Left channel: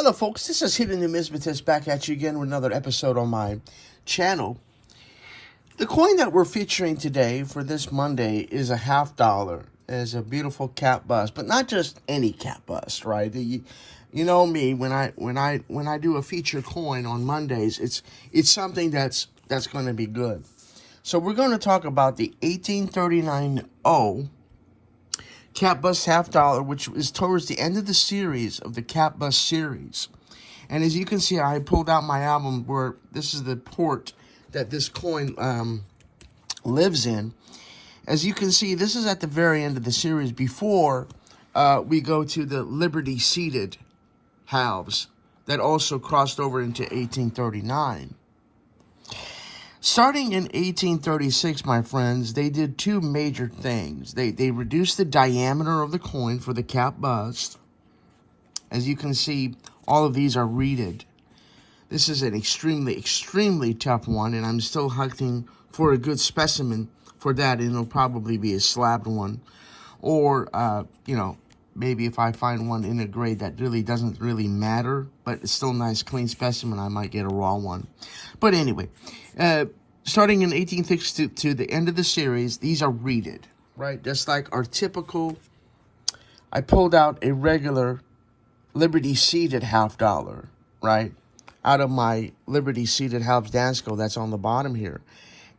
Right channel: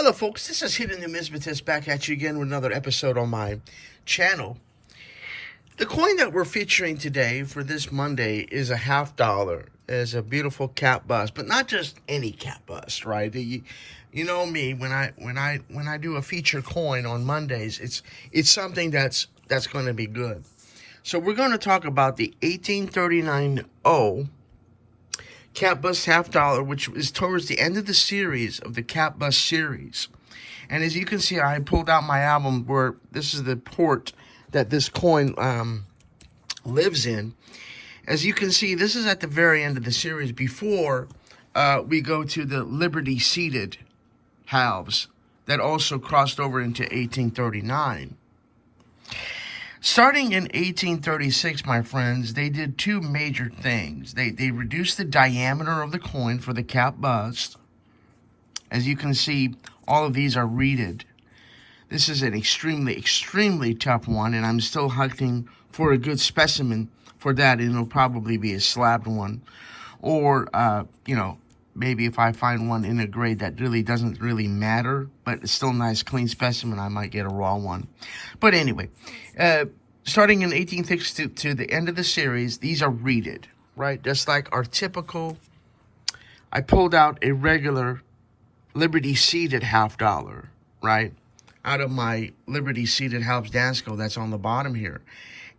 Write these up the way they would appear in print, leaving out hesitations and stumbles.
Hello folks, this is Hidden Numismatist back at you again with another episode on my channel. The coin that we're featuring today for this Monday is a $50. It's a beautiful cap bust, but not just any cap bust, right? You know me, when I do a feature coin on Mondays, it's something that's going to be good. So we're going to talk about the 1839 cap bust $50, which is towards the end of the series of the cap bust series. And as you can see, I pulled out my album where this is the port that this coin lives in. As you can see, this is at the very end of the series before we go to the Liberty seated halves that also crossed over into 1839. Starting in 1836, my friends, they did two major things. They reduced the diameter of the coin for the cap bust. As you can see, all of these are reeded. This is an extremely, extremely tough one, and I'm still hunting for a good specimen for that, and it'll probably be a slabbed one. Or, maybe if I find one in a grade that really doesn't really matter, but it's still a nice, clean specimen, I might get a raw one. But anyway, starting in 1860 to the end of the series, these are reeded, right? Just like our typical, I pulled out a regular Liberty seated $50, right? Out of my Liberty seated halves Dansko that's on the bottom here.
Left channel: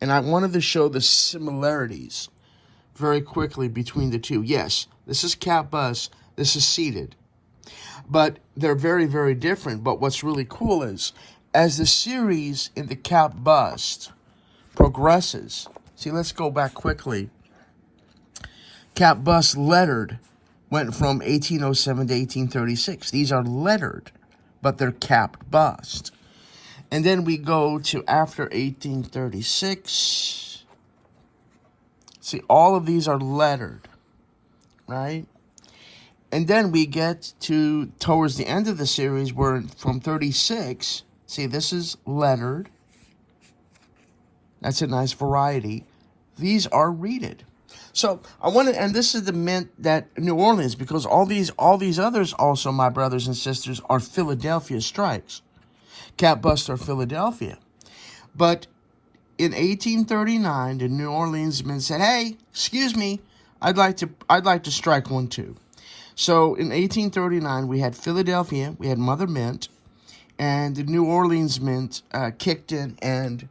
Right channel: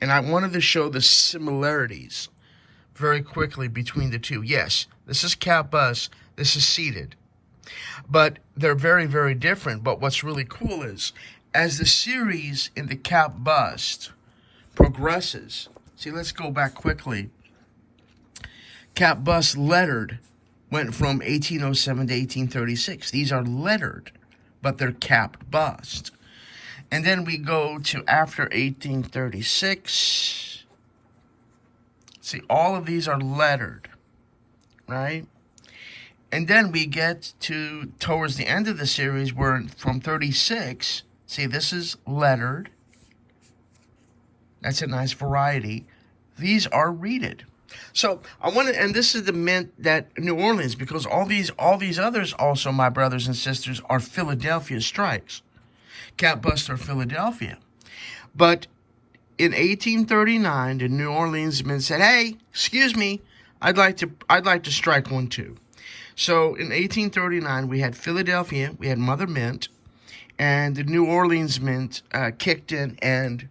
And I wanted to show the similarities very quickly between the two. Yes, this is cap bust, this is seated. But they're very, very different. But what's really cool is, as the series in the cap bust progresses, see, let's go back quickly. Cap bust lettered went from 1807 to 1836. These are lettered, but they're capped bust. And then we go to after 1836. See, all of these are lettered, right? And then we get to towards the end of the series where from 36, see, this is lettered. That's a nice variety. These are reeded. So I want to, and this is the mint that New Orleans, because all these others also, my brothers and sisters, are Philadelphia strikes. Cap bust are Philadelphia. But in 1839, the New Orleans mint said, "Hey, excuse me, I'd like to strike one too." So in 1839, we had Philadelphia, we had Mother Mint, and the New Orleans mint kicked in and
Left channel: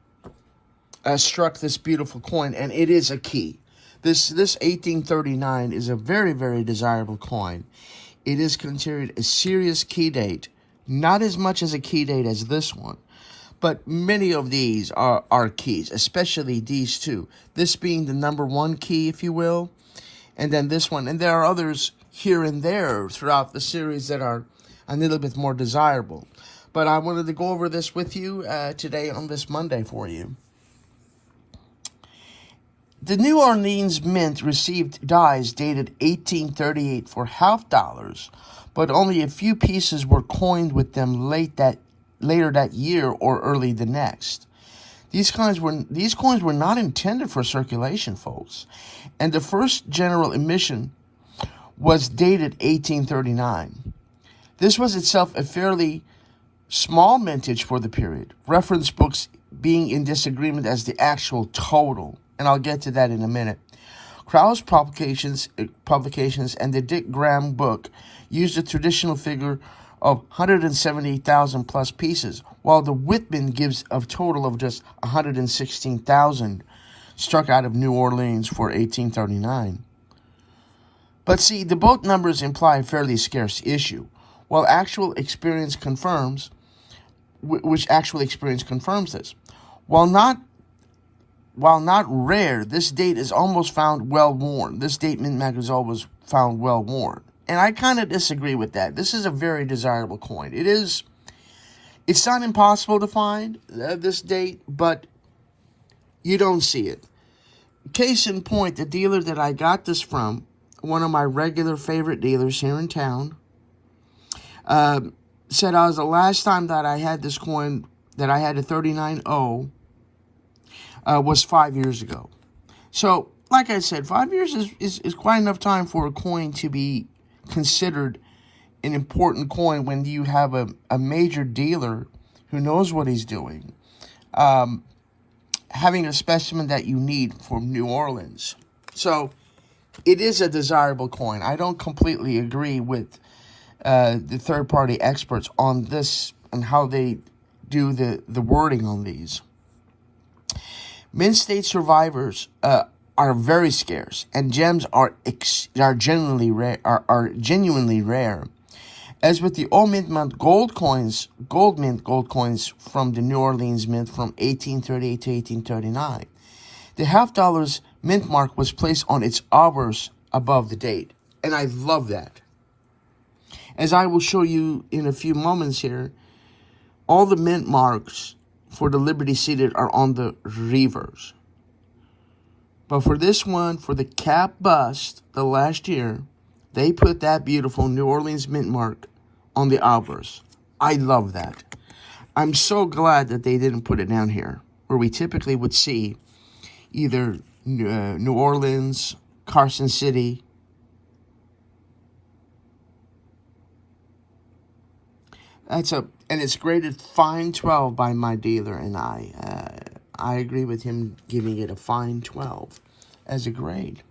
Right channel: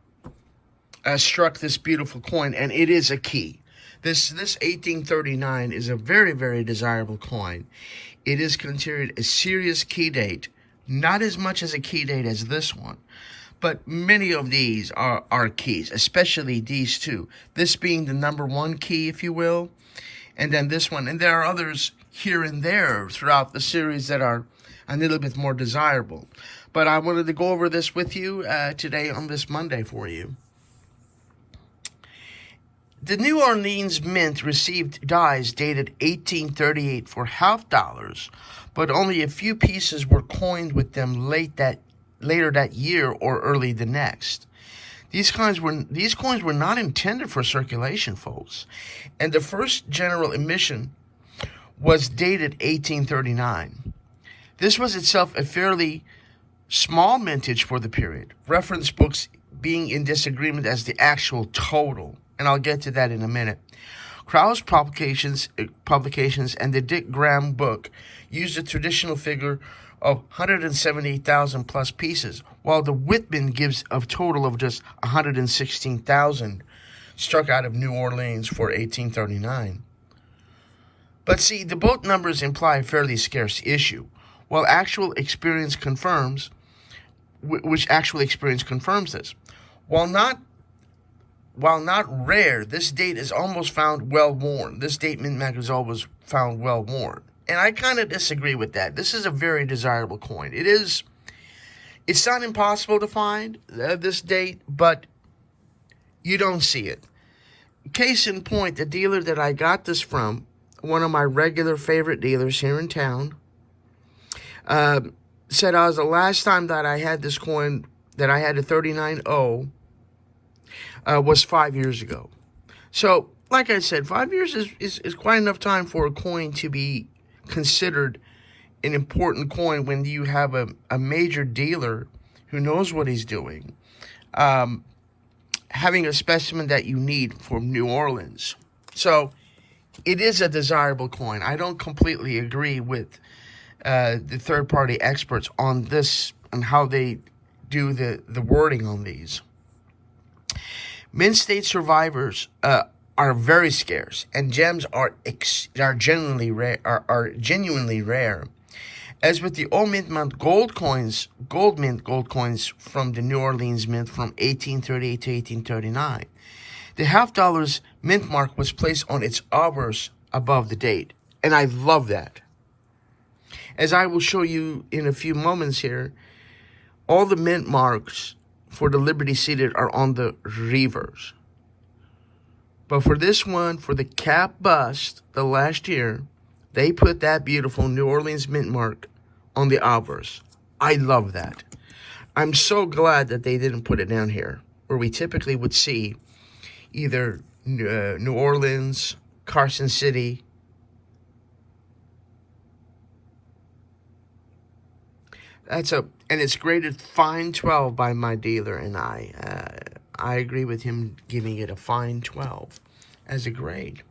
struck this beautiful coin, and it is a key. This 1839 is a very, very desirable coin. It is considered a serious key date, not as much as a key date as this one, but many of these are keys, especially these two. This being the number one key, if you will, and then this one. And there are others here and there throughout the series that are a little bit more desirable. But I wanted to go over this with you today on this Monday for you. The New Orleans Mint received dies dated 1838 for $50, but only a few pieces were coined with them later that year or early the next. These coins were not intended for circulation, folks, and the first general emission was dated 1839. This was itself a fairly small mintage for the period, reference books being in disagreement as the actual total. And I'll get to that in a minute. Krause Publications and the Dick Graham book used a traditional figure of 170,000 plus pieces, while the Whitman gives a total of just 116,000 struck out of New Orleans for 1839. But see, the both numbers imply a fairly scarce issue, while actual experience confirms this. While not rare, this date is almost found well-worn. This date mintmark is always found well-worn. And I kind of disagree with that. This is a very desirable coin. It's not impossible to find this date, but you don't see it. Case in point, the dealer that I got this from, one of my regular favorite dealers here in town, said the last time that I had this coin, that I had a 39.0, was 5 years ago. So, like I said, 5 years is quite enough time for a coin to be considered an important coin when you have a major dealer who knows what he's doing, having a specimen that you need from New Orleans. So it is a desirable coin. I don't completely agree with the third-party experts on this and how they do the wording on these. Mint state survivors are very scarce, and gems are genuinely rare. As with the old mint gold mint gold coins from the New Orleans Mint from 1838 to 1839, the half-dollar's mint mark was placed on its obverse above the date, and I love that. As I will show you in a few moments here, all the mint marks for the Liberty seated are on the reverse. But for this one, for the cap bust, the last year, they put that beautiful New Orleans mint mark on the obverse. I love that. I'm so glad that they didn't put it down here, where we typically would see either New Orleans, Carson City. And it's graded fine 12 by my dealer, and I agree with him giving it a fine 12 as a grade.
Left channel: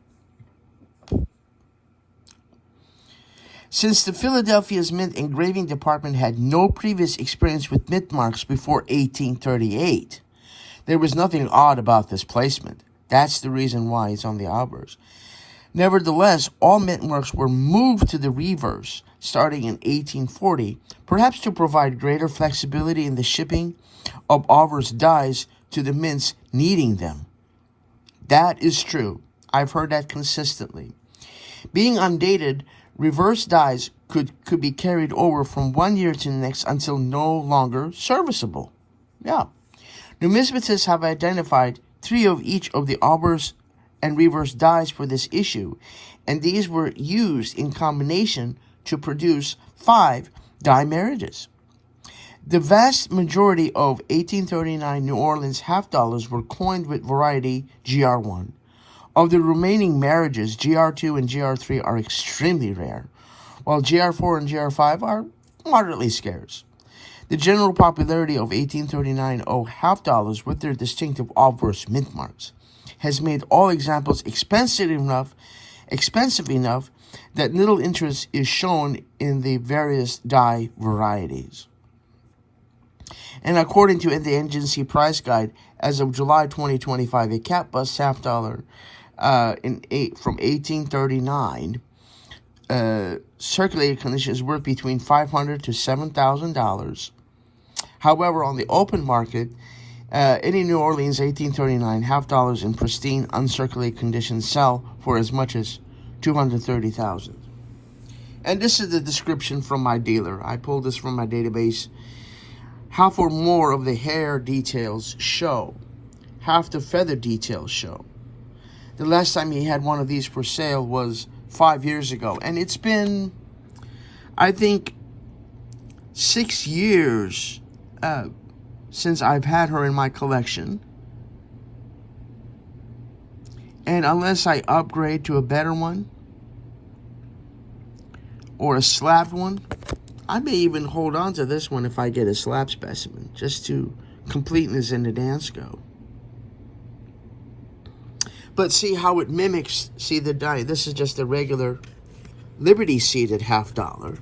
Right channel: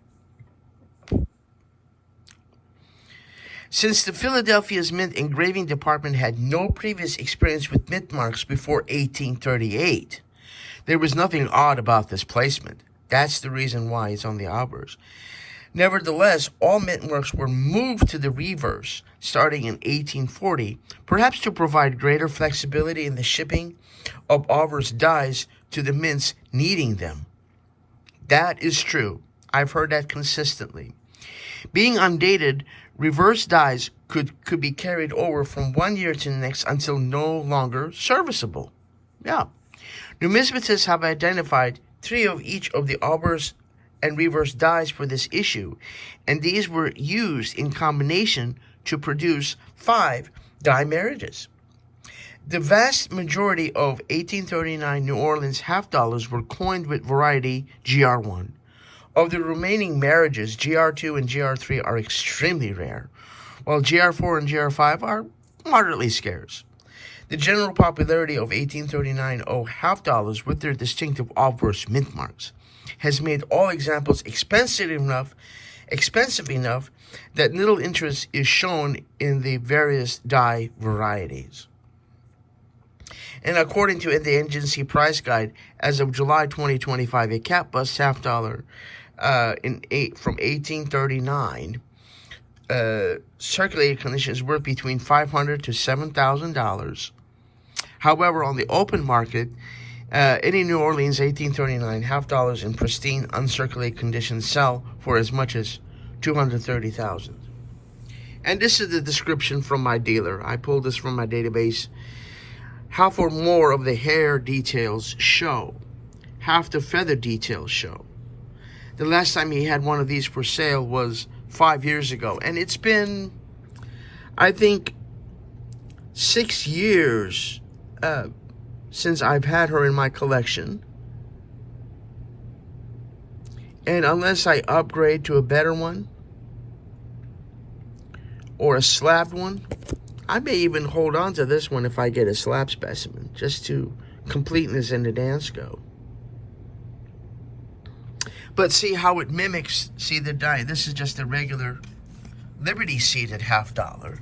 Since the Philadelphia's mint engraving department had no previous experience with mint marks before 1838, there was nothing odd about this placement. That's the reason why it's on the obverse. Nevertheless, all mint marks were moved to the reverse starting in 1840, perhaps to provide greater flexibility in the shipping of obverse dies to the mints needing them. That is true. I've heard that consistently. Being undated, reverse dies could be carried over from one year to the next until no longer serviceable. Yeah. Numismatists have identified 3 of each of the obverse and reverse dies for this issue, and these were used in combination to produce 5 die marriages. The vast majority of 1839 New Orleans half-dollars were coined with variety GR1. Of the remaining marriages, GR2 and GR3 are extremely rare, while GR4 and GR5 are moderately scarce. The general popularity of 1839 half-dollars with their distinctive obverse mint marks has made all examples expensive enough that little interest is shown in the various die varieties. And according to the agency price guide, as of July 2025, a cap bust half-dollar from 1839 circulated condition is worth between $500 to $7,000. However, on the open market, any New Orleans 1839 half-dollars in pristine, uncirculated condition sell for as much as $230,000. And this is the description from my dealer. I pulled this from my database. Half or more of the hair details show. Half the feather details show. The last time he had one of these for sale was 5 years ago. And it's been, I think, 6 years since I've had her in my collection. And unless I upgrade to a better one, or a slabbed one, I may even hold on to this one if I get a slab specimen, just to completeness in the dance go. But see how it mimics, see the die. This is just a regular Liberty seated half-dollar.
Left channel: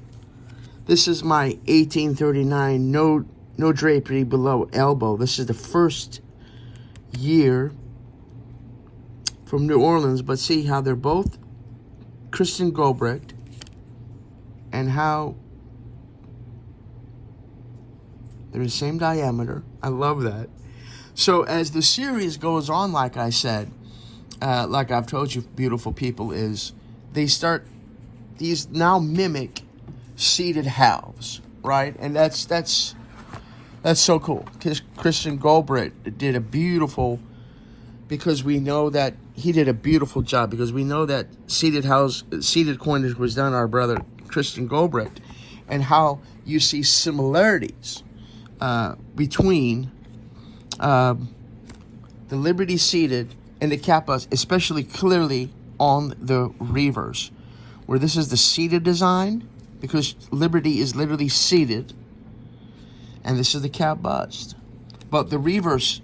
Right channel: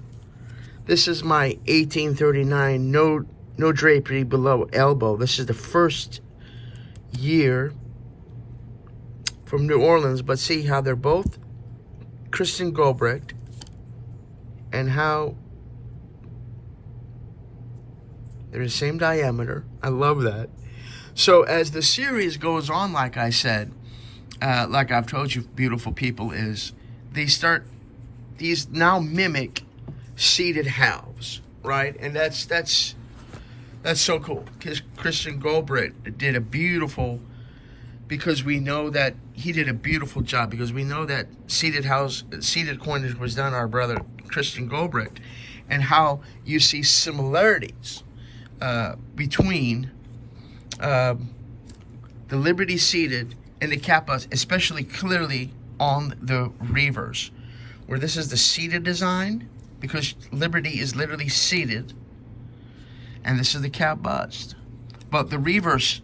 This is my 1839 no drapery below elbow. This is the first year from New Orleans, but see how they're both Christian Gobrecht, and how they're the same diameter. I love that. So as the series goes on, like I said, like I've told you, beautiful people, is these now mimic seated halves, right? And that's so cool. Christian Gobrecht did a beautiful, because we know that he did a beautiful job, because we know that seated coinage was done our brother Christian Gobrecht, and how you see similarities between the Liberty seated and the kappas, especially clearly on the reverse, where this is the seated design because liberty is literally seated. And this is the cap bust. But the reverse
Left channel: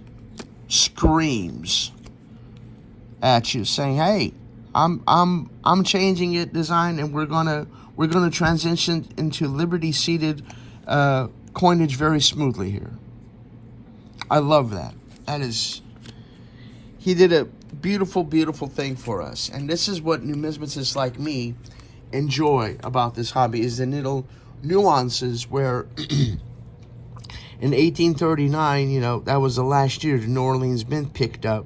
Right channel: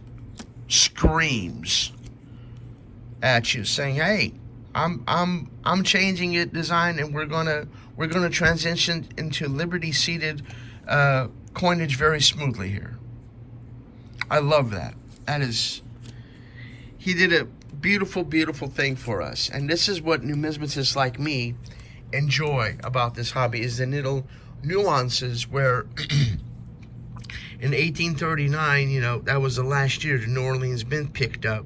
screams at you, saying, "Hey, I'm changing it design, and we're gonna transition into liberty seated coinage very smoothly here." I love that. He did a beautiful, beautiful thing for us. And this is what numismatists like me enjoy about this hobby, is the little nuances where in 1839, you know, that was the last year the New Orleans Mint picked up.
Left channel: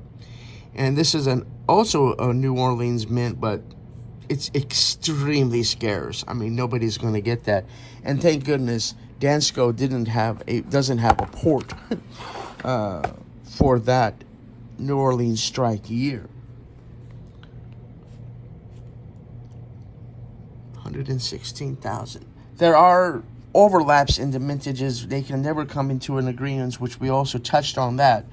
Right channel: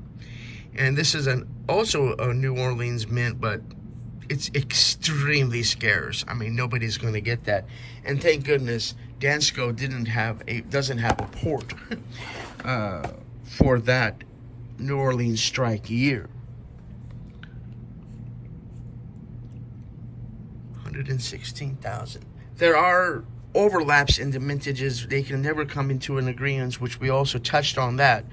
And this is also a New Orleans mint, but it's extremely scarce. I mean, nobody's going to get that. And thank goodness Dansko doesn't have a port for that New Orleans strike year. 116,000. There are overlaps in the mintages. They can never come into an agreement, which we also touched on that.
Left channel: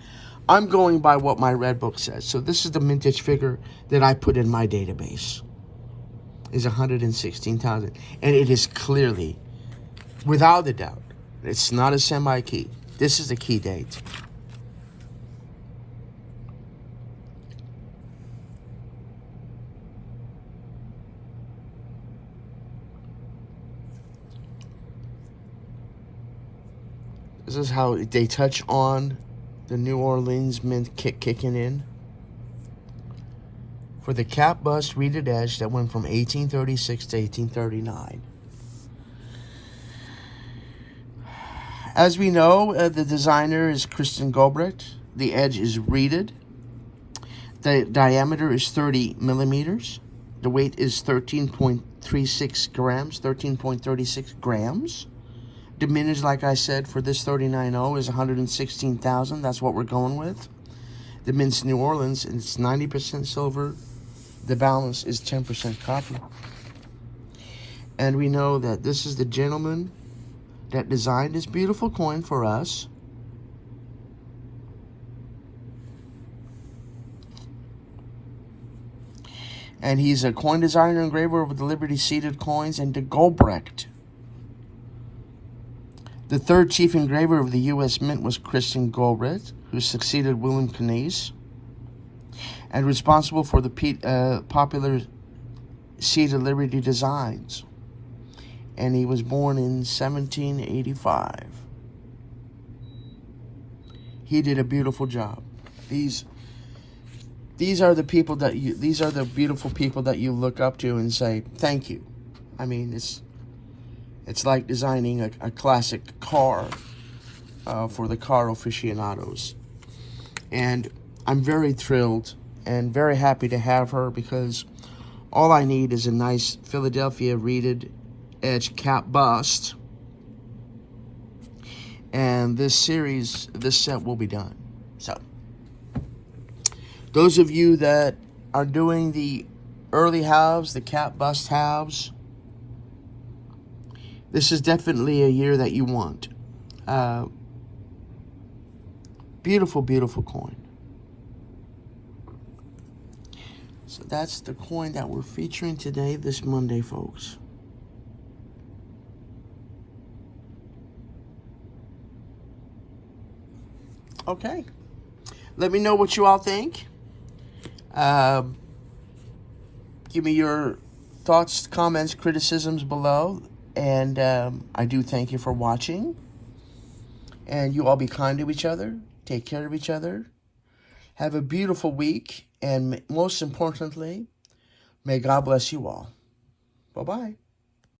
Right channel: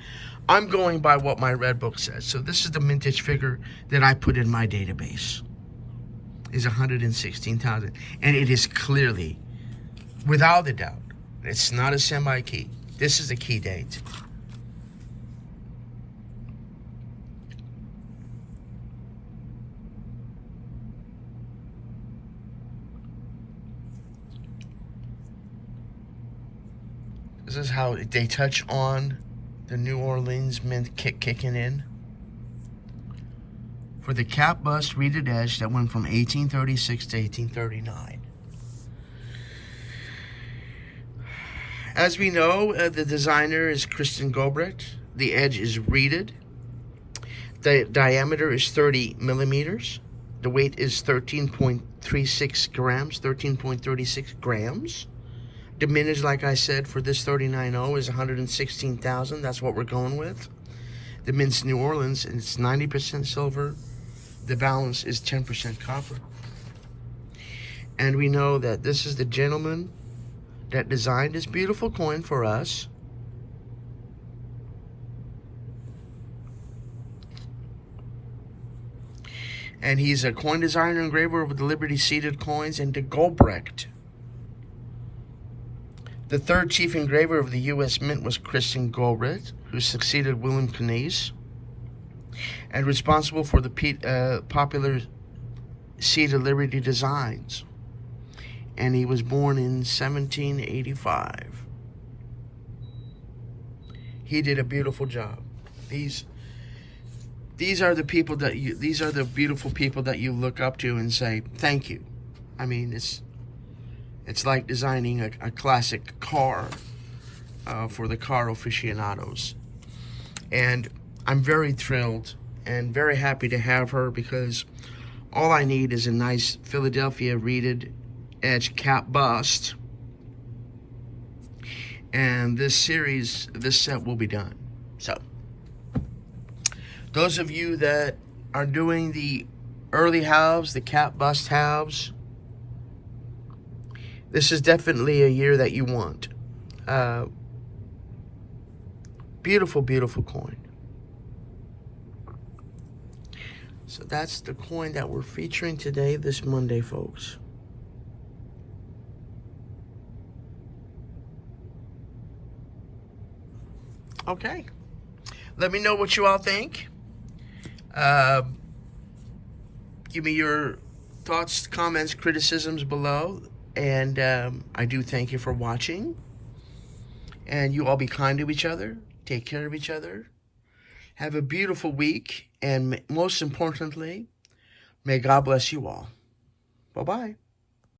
I'm going by what my red book says. So this is the mintage figure that I put in my database. Is 116,000. And it is clearly, without a doubt, it's not a semi-key. This is the key date. This is how they touch on the New Orleans Mint kicking in. For the cap bust reeded edge that went from 1836 to 1839. As we know, the designer is Christian Gobrecht. The edge is reeded. The diameter is 30 millimeters. The weight is 13.36 grams, 13.36 grams. The mintage, like I said, for this 39.0 is 116,000. That's what we're going with. The mint's New Orleans, and it's 90% silver. The balance is 10% copper. And we know that this is the gentleman that designed this beautiful coin for us. And he's a coin designer and engraver of the Liberty seated coins and the Gobrecht. The third chief engraver of the U.S. Mint was Christian Gobrecht, who succeeded William Keynes, and responsible for the popular seated Liberty designs. And he was born in 1785. He did a beautiful job. These are the people that these are the beautiful people that you look up to and say thank you. I mean, it's like designing a classic car for the car aficionados. And I'm very thrilled and very happy to have her, because all I need is a nice Philadelphia reeded edge cap bust. And this set will be done. So, those of you that are doing the early halves, the cap bust halves, this is definitely a year that you want. Beautiful, beautiful coin. So that's the coin that we're featuring today, this Monday, folks. Okay. Let me know what you all think. Give me your thoughts, comments, criticisms below. And I do thank you for watching. And you all be kind to each other. Take care of each other. Have a beautiful week. And most importantly, may God bless you all. Bye-bye.